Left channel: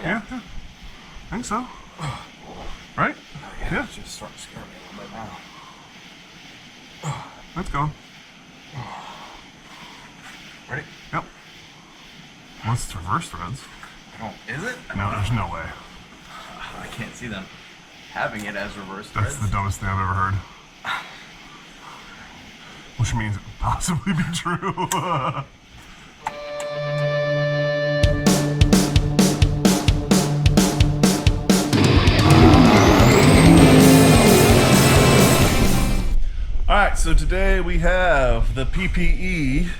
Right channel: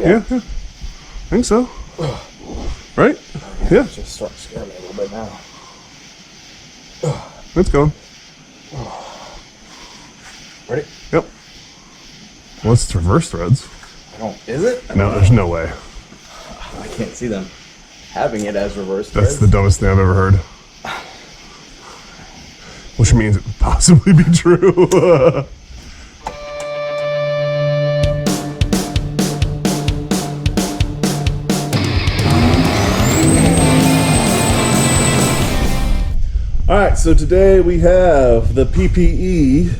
Yeah. I think so. Right? Yeah. It's just starting to scare me a little bit now. It's going. Ready? Yep. Well, it's reverse threads. Is it? No, there's no way. I can't see them having it as reverse That's threads. the dumbest thing I've ever heard. Which means it could possibly be true. Alright, so today we have the PPE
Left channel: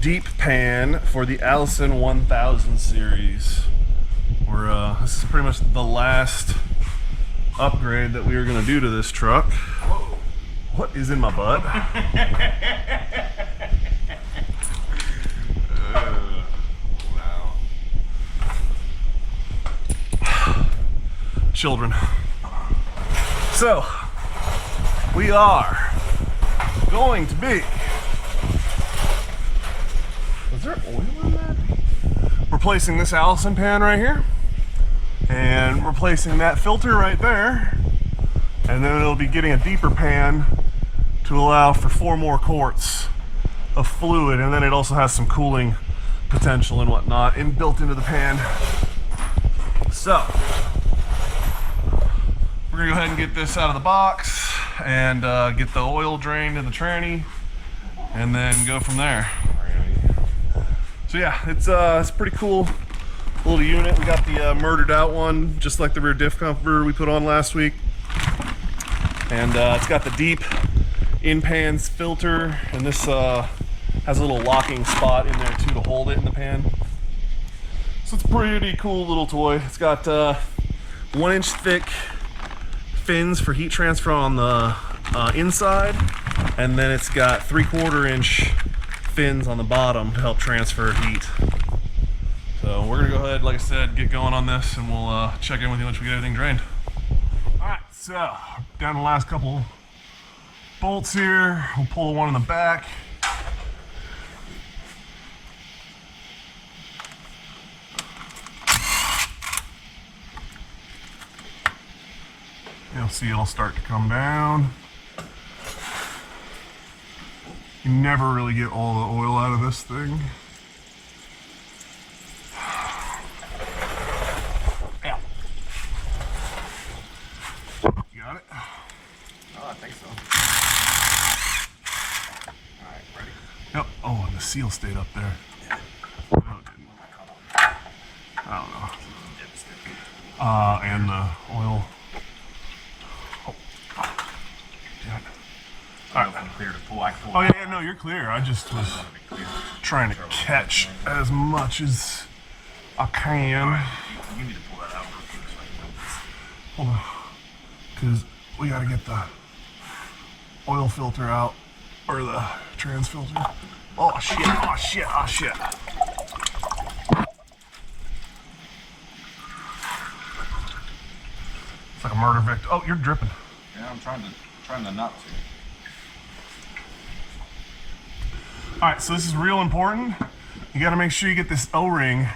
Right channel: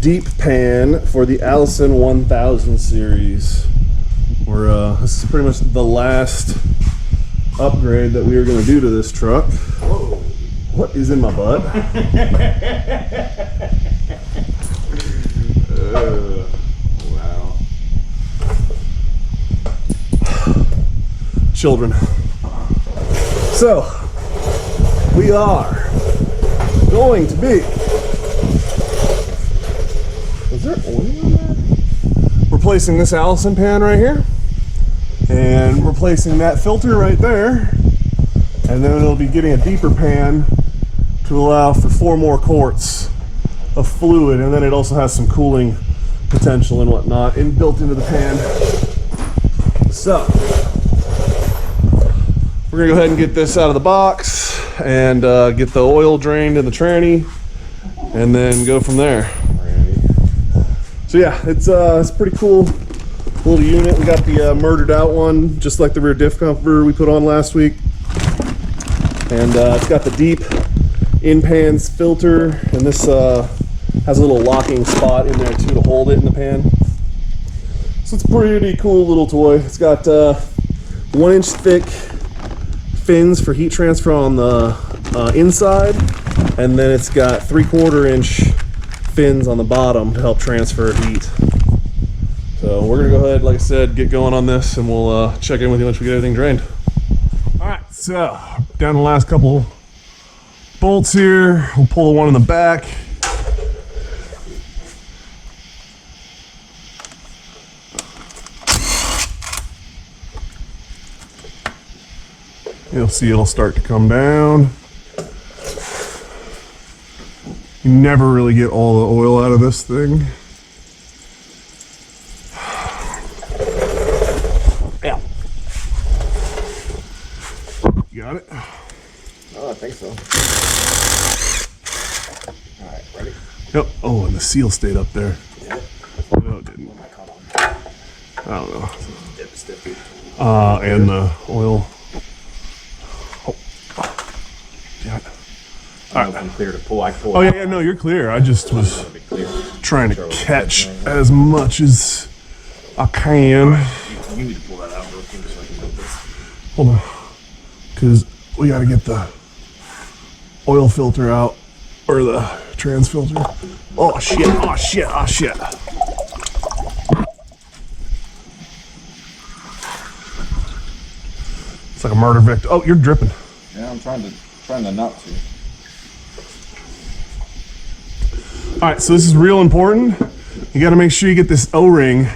deep pan for the Allison 1000 series. This is pretty much the last upgrade that we are going to do to this truck. Whoa. What is in my butt? Wow. Children. So, we are going to be... Is there oil in that? Replacing this Allison pan right here. And replacing that filter right there. And then it'll be getting a deeper pan to allow for 4 more quarts of fluid, and then it also has some cooling potential and whatnot built into the pan. So we're gonna go ahead and get this out of the box and get the oil drained in the tranny, and then go from there. So yeah, it's pretty cool little unit. We got the murdered out one, just like the rear diff cover we put on last week. And it's got the deep in-pans filter, and this has a little locking spot in there too to hold it in the pan. So it's a pretty cool little toy. It's got 1-inch thick fins for heat transfer on the inside, and then it's got 3/4-inch fins on the bottom to help transfer heat. So we're gonna go ahead, like I said, get going on this, and we'll check in with you once we get everything drained. All right, so down the last couple bolts here. We'll pull the one in the back. You'll see it'll start to come down. You never really get all the oil out of this thing. Yeah. You got it? Oh, I think so. All right, ready? Yep. Oh, and the seal stayed up there. Yeah. No, it didn't. I don't know. Sticky. And the oil. Oh. Damn it. I don't know if I'm clear to pull. I pull. Oh yeah, no, you're clear. I just was trying to catch as much as I can. You need to pull that out real quick so I can move this. Hold on, because we got to get the oil filter out, or the trans filter. Oh shit! Oh shit! Oh shit! It's like a murder victim. Oh, you're dripping. Yeah, I'm trying to not to. All right, so this is real important. You got to make sure you get this O-ring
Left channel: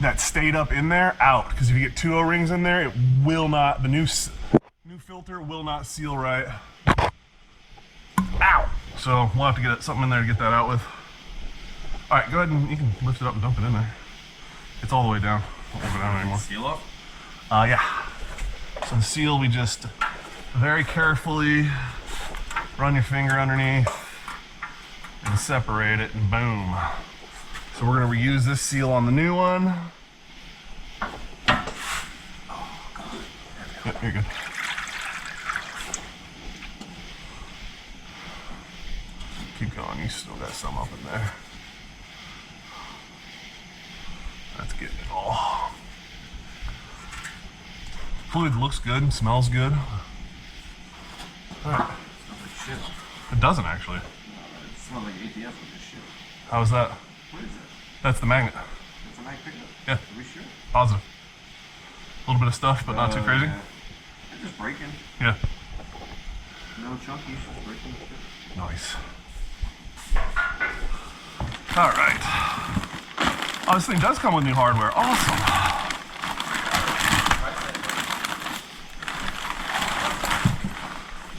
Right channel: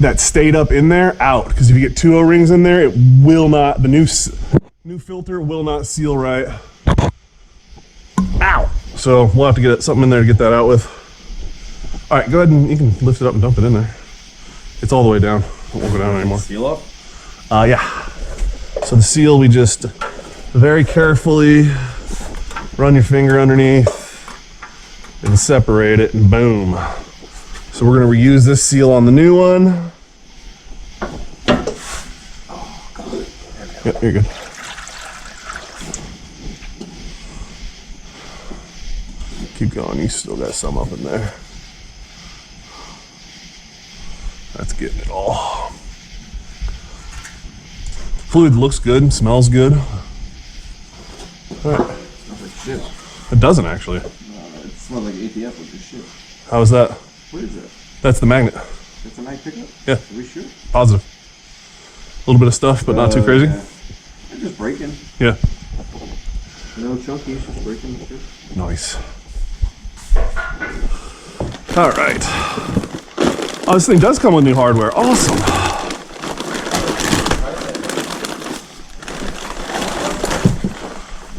that stayed up in there out, because if you get 2 O-rings in there, it will not. The new filter will not seal right. Ow! So we'll have to get something in there to get that out with. All right, go ahead and you can lift it up and dump it in there. It's all the way down. It won't go down anymore. Seal up? Yeah. So the seal, we just very carefully run your finger underneath and separate it, and boom. So we're gonna reuse this seal on the new one. Oh, God. Yep, you're good. Keep going, you still got some up in there. That's getting it all. Fluid looks good, smells good. All right. Smells like shit. It doesn't actually. It smells like ATF, which is shit. How is that? What is that? That's the magnet. That's a night pickup? Yeah. Are we sure? Positive. A little bit of stuff, but not too crazy. Yeah. It's just breaking. Yeah. No chunky, it's just breaking. Shit. Nice. All right. Oh, this thing does come with new hardware. Awesome.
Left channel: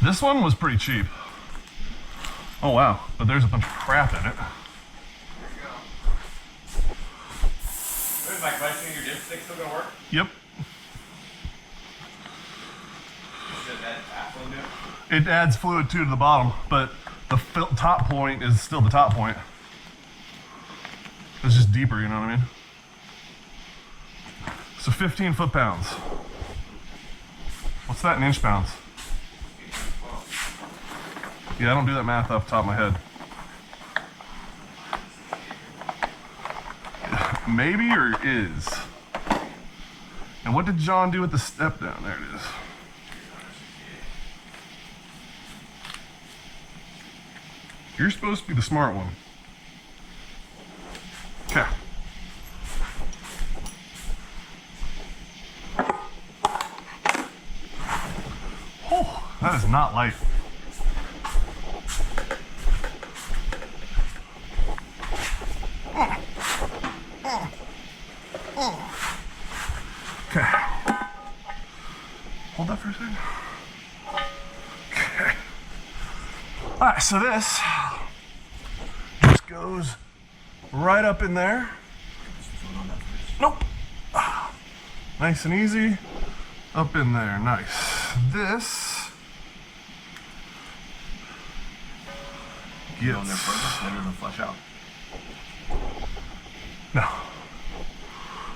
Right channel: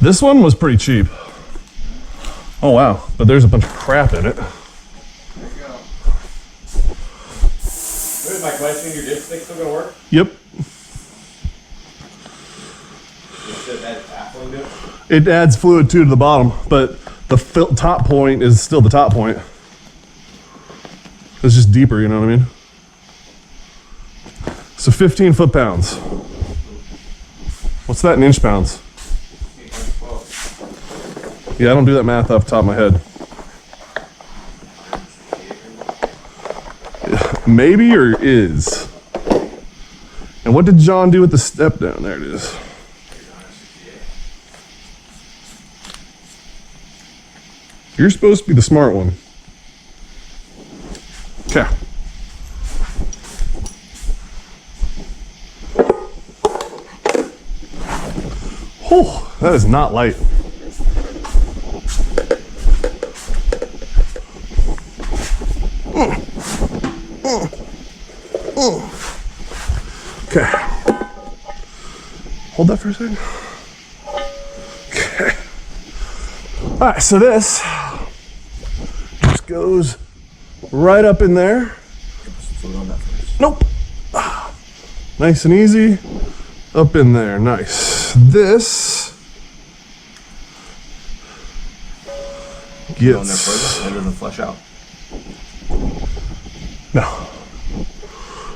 This one was pretty cheap. Oh wow, but there's a bunch of crap in it. There you go. Here's my question, your dipstick still gonna work? Yep. Does that baffling do it? It adds fluid too to the bottom, but the top point is still the top point. It's just deeper, you know what I mean? So 15 foot-pounds. What's that in inch pounds? Yeah, I don't do that math off the top of my head. Maybe or is. And what did John do with the step down? There it is. You're supposed to be the smart one. Okay. Oh, that is not light. Okay. Hold that for a second. Okay. All right, so this just goes right up in there. Nope. Nice and easy. Up in there, nice. This gets... It doesn't flush out. No.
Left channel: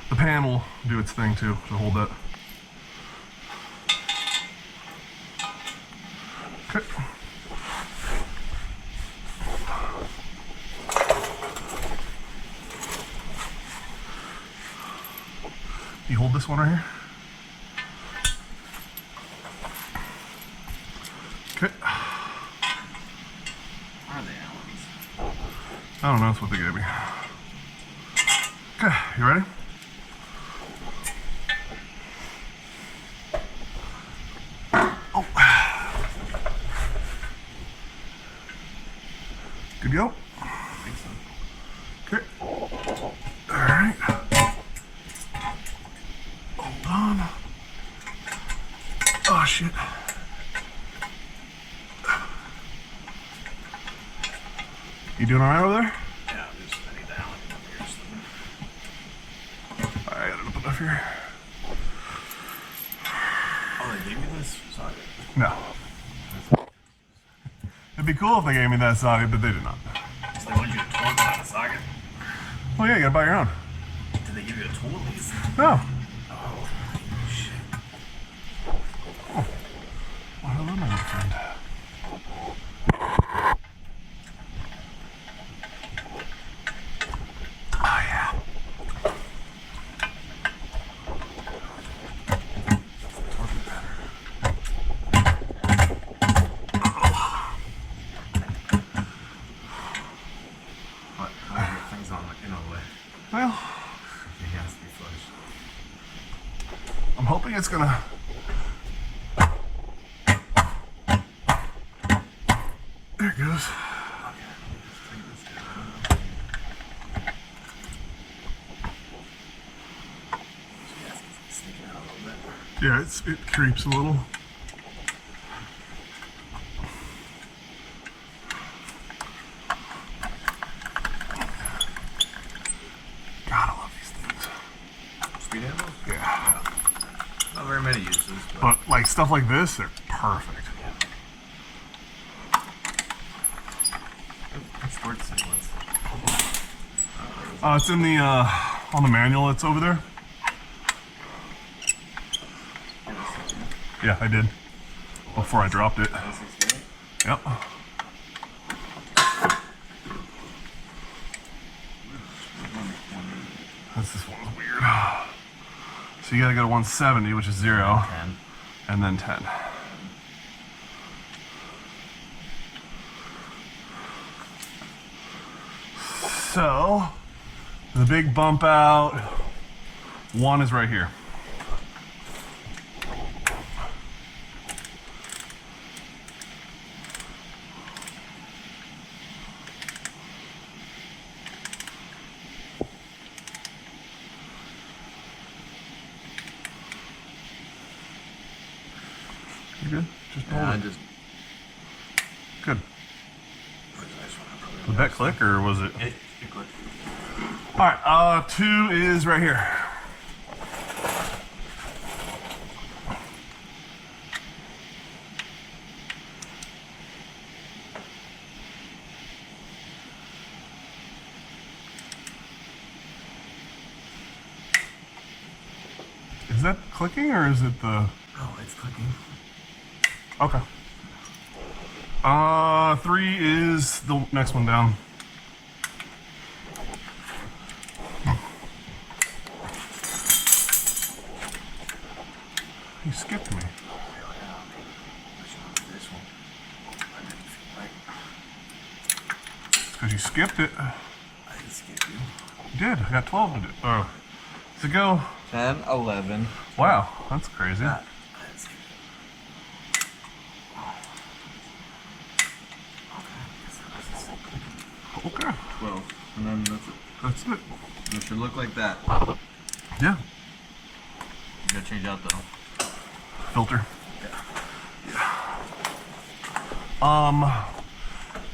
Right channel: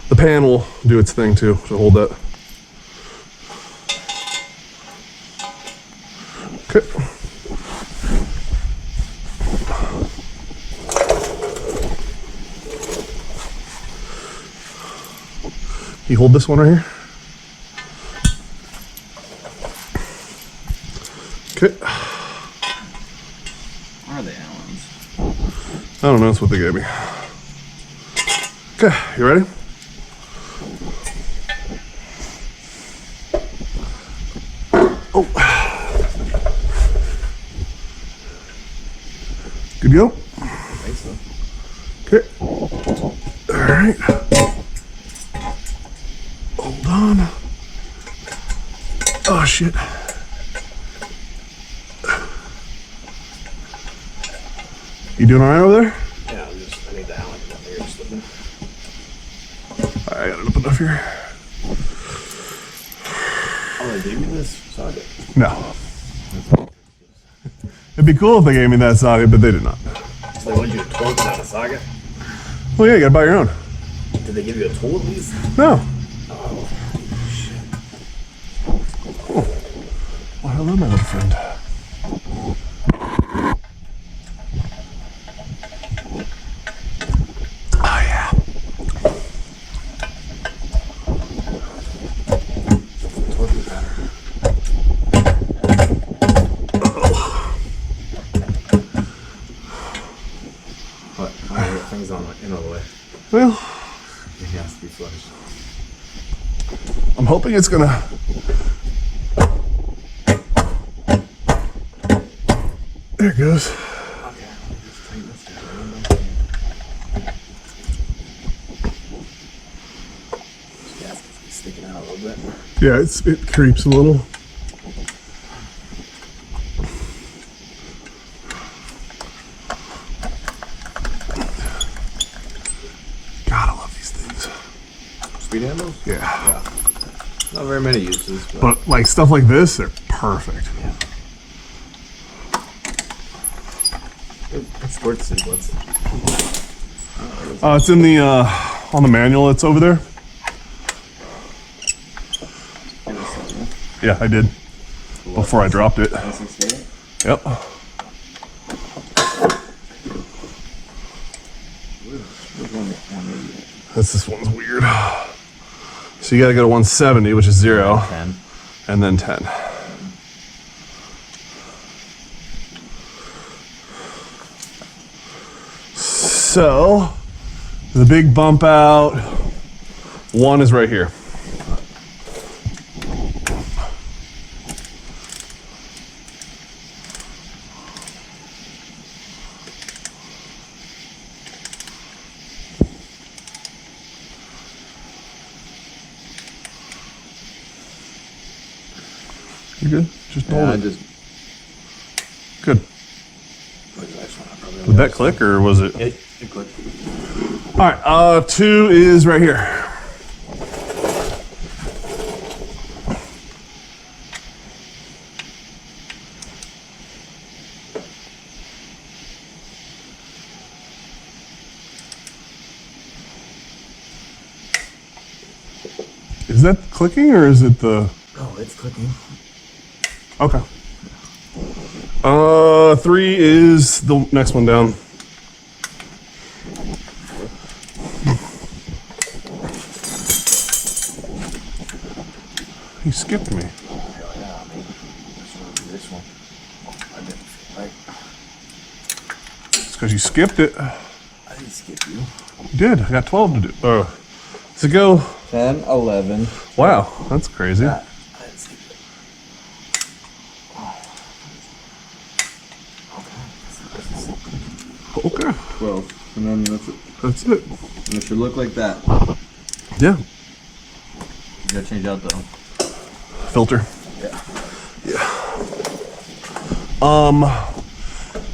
The pan will do its thing too, to hold that. Okay. You hold this one right here. Okay. Where are they, Allens? I don't know, that's what they gave me. Okay, you ready? Oh. Good to go? I think so. Okay. All right. Hold on. Oh, shit. You doing all right over there? Yeah, I need the Allen up here slipping. All right, I got it up enough here. Oh, they gave me this socket? No. It'd be cool if they gave me that socket, but they did not. So they wanted you to torque it out of socket? Well, yeah, you gotta buy your own. Did they give you a tool at least? No. Oh, shit. Oh. Well, hello, my little friend. Oh, yeah. Torque is better. What? I got things on in all the way. Well, It has to be flush. I'm hoping it's gonna... There it goes. Okay, let me just tighten this down. Yeah, it's sticking out a little bit. Yeah, it creeps a little. God, I love these things. Speed handles? Yeah. Not very many uses, but But like stuff like this, they're perfect. yeah. What's sports sequence? It's in the on the manual. It's over there. Yeah, I did before I dropped it. 168? Yep. This one's weird. So you gotta go to 170, which is 0, 10. and then 10. So the big bump out, 1 is right here. You good? Just hold Yeah, it. Good. Did that click or was it? It clicked. All right, 2 is right here. Is that clicking or is it the? Oh, it's clicking. Okay. 3 is the next one down. He skipped me. Oh, yeah, maybe. Let's do this one. Oh, I didn't feel right. It's because you skipped it. I didn't skip you. You did. I got 12 to do. Does it go? 10, 11. Wow, that's crazy. I didn't skip it. Oh. Okay. 12. And then that's it. That's it. And it should look like that. Yeah. You gotta change out the Filter. Yeah.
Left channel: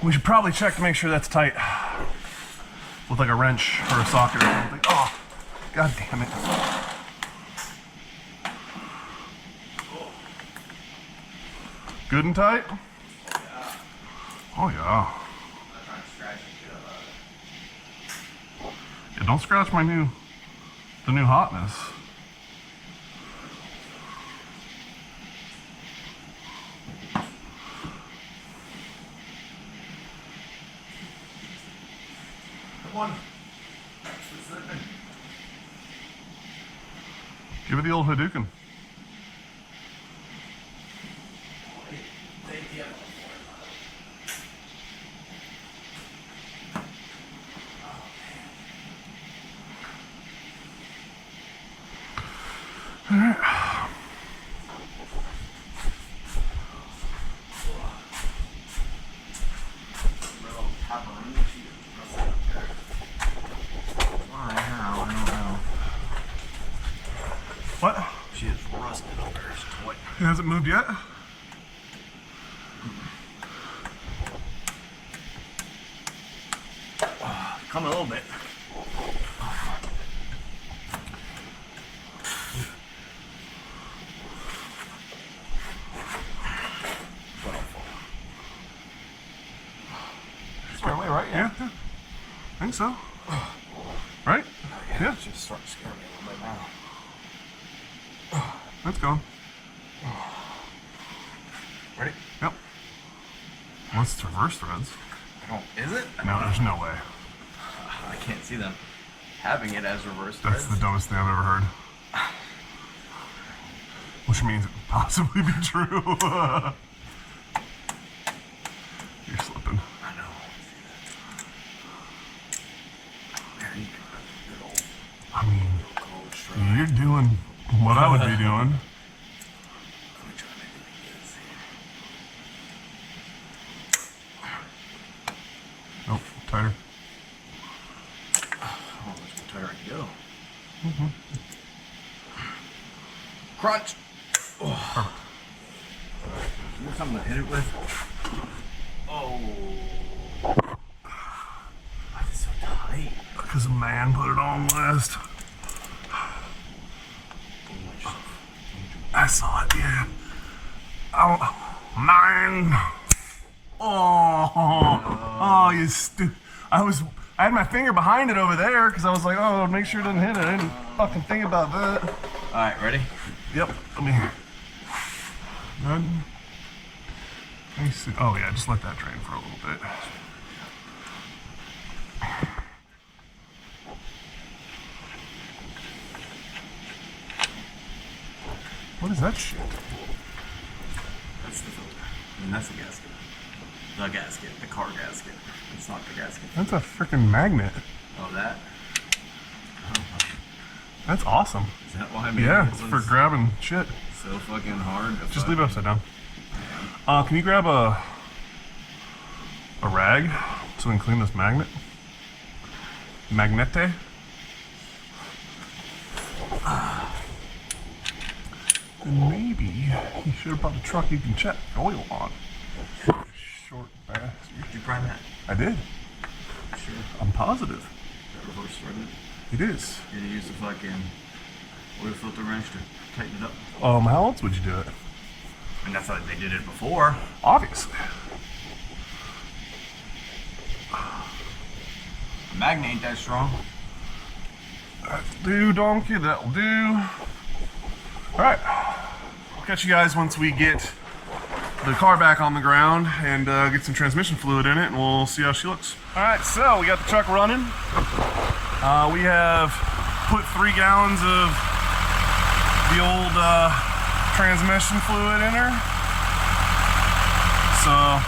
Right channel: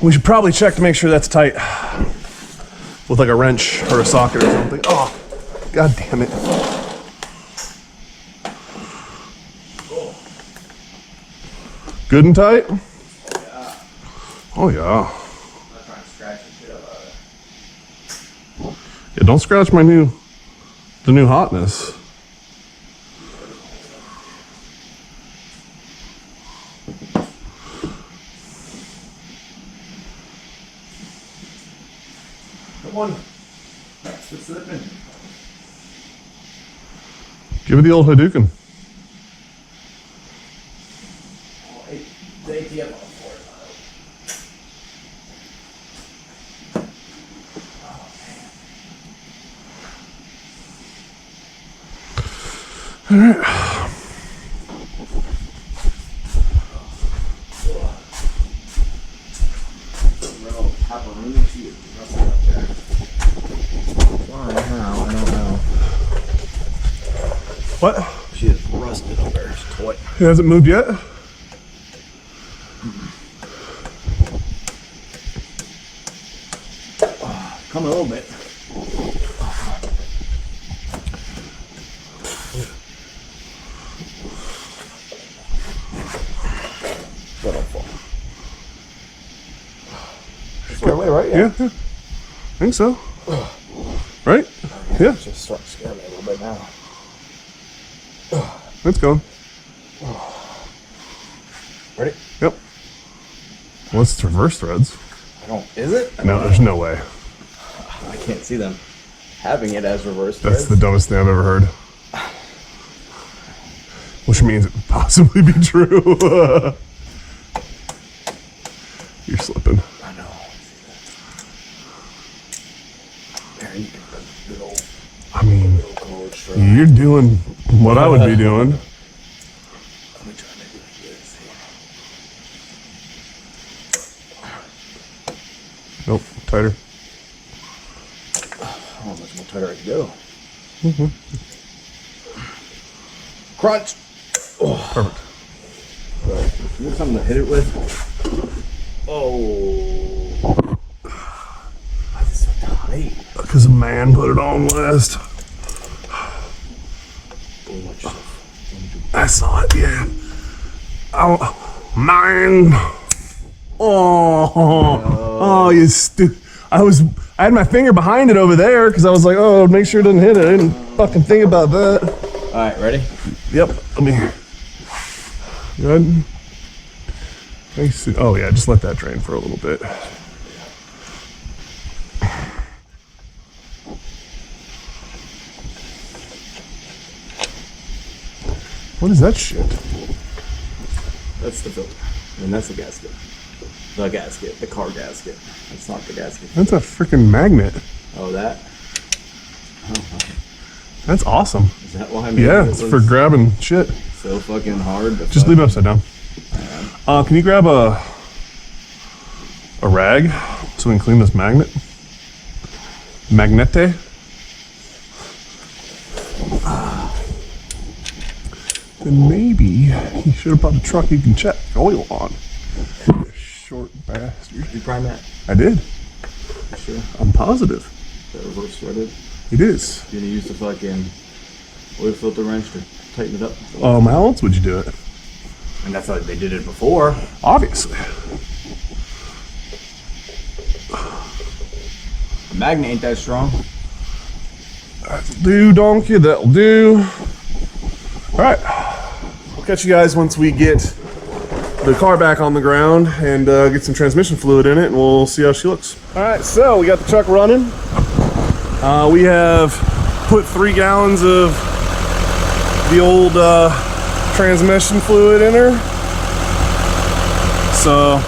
We should probably check to make sure that's tight with like a wrench or a socket or something. Oh, god damn it. Good and tight? Oh yeah. I'm not trying to scratch the shit out of it. Yeah, don't scratch the new hotness. Come on. Quit slipping. Give it the old Hadouken. Oh, the ATM on the floor is not open. All right. Why? How? I don't know. What? She is rusted up there. She's toy. It hasn't moved yet? Come a little bit. But don't fall. That's the right way, right? Yeah. I think so. Right? Yeah. It's just starting to scare me a little bit now. It's going. Ready? Yep. Well, it's reverse threads. I don't. Is it? No, there's no way. I can't see them having it as reverse That's threads. the dumbest thing I've ever heard. Which means it could possibly be true. You're slipping. I know. There you can put a good old, I mean, cold strap. you're doing what I would be doing. Let me try and make it like this here. Nope, tighter. How much more tighter I can go? Crunch. Oh. Perfect. Sorry. You need something to hit it with? Oh. Why is it so tight? Because a man put it on last. I saw it, yeah. Oh, man. Oh, you I had my finger behind it over there because I was like, oh, make sure it doesn't hit it. I didn't fucking think about that. All right, ready? Yep. Let me. Good. Nice. Oh yeah, just let that drain for a little bit. What is that shit? That's the filter. I mean, that's the gasket. The gasket. The car gasket. It's not the gasket. That's a freaking magnet. Oh, that? That's awesome. Is that why I made Yeah, it it's for grabbing shit. so fucking hard to Just leave it upside down. Can you grab a rag so we can clean this magnet? Magnete? then maybe he should have bought a truck he can check oil on. You short bastard. Did you prime that? I did. You sure? I'm positive. Is that reverse threaded? It is. You're gonna use the fucking oil filter wrench to tighten it up? How else would you do it? And that's how they did it before. Obviously. The magnet ain't that strong. That'll do, donkey. That'll do. All right. We'll catch you guys once we get the car back on the ground and get some transmission fluid in it, and we'll see how she looks. All right, so we got the truck running. We have put 3 gallons of the old transmission fluid in her. So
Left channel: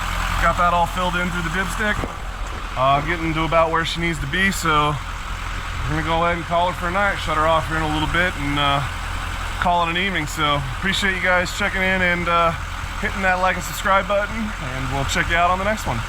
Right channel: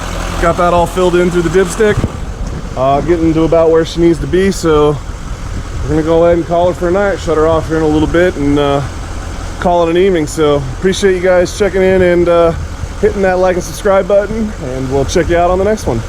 got that all filled in through the dipstick. Getting to about where she needs to be, so we're gonna go ahead and call her for a night, shut her off here in a little bit, and call it an evening. So appreciate you guys checking in and hitting that like and subscribe button, and we'll check you out on the next one.